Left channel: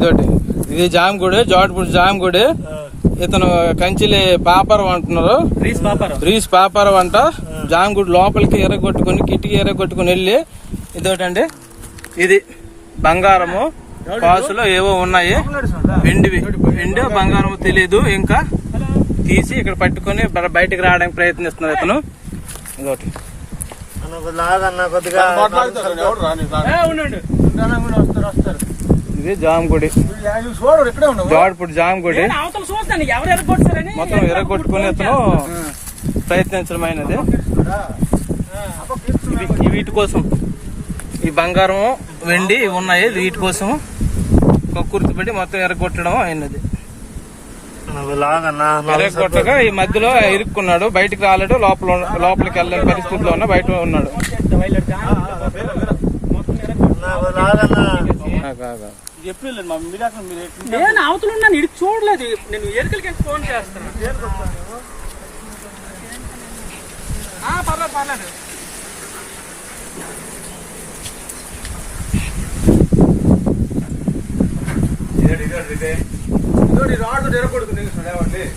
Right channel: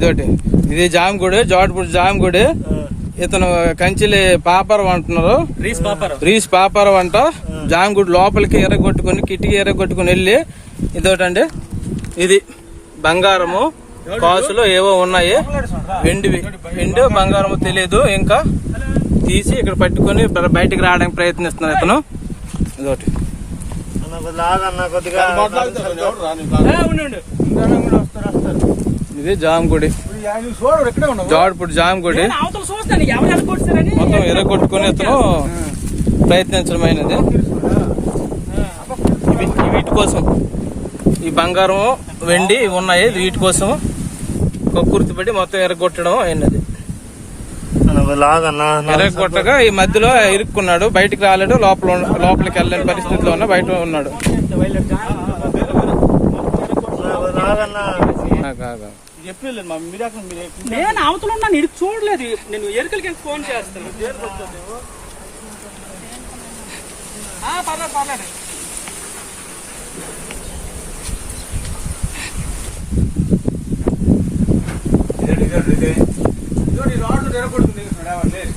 ఇదోటి ఇది జామగుడి, జోటపూడి జామగుడి. ఇతను కంచిలి పాపరం అంటున్నారు, రీస్ పాపరం అంట. జామగుడి లోపలికి ఎర్రగొట్టుకుని కిటికీ ఎర్రగొట్టుకుని వెళ్ళి ఇదోటండి. ఇది బంగారము కాసులు ఏవో ఉన్నాయి, వెండి బంగారము తెలియదు. ఇంకా తీసి ఇక్కడ పట్టుకొని బయటికి రావడానికి ప్రయత్నిస్తున్నారు ఇతను. ఇదోటి ఇది జామగుడి, జోటపూడి జామగుడి. మొత్తం ఎర్రగొట్టుకుని ఇతను ప్రయత్నించడమైనది. వీటి కోసం ఈ బంగారం వెండి ఉన్నాయి, వీటి కోసం కక్కుర్తిపడి మొత్తం ఎర్రగొట్టడం అయినది. ఎర్రగొట్టగా ఈ మధ్యలో ఇరుక్కున్నాడు, బయటికి రాలేడు, లోపలికి వెళ్ళని పరిస్థితిలో బయట ఉన్నాడు. నేను అవతల ఉన్నాను, ఇది చూడలేదు. నేను ఎరుకలకి ఫోన్ చేస్తాను. పర్లేదు రాడు తెరకొడుతుంది ఎవరు లేదు.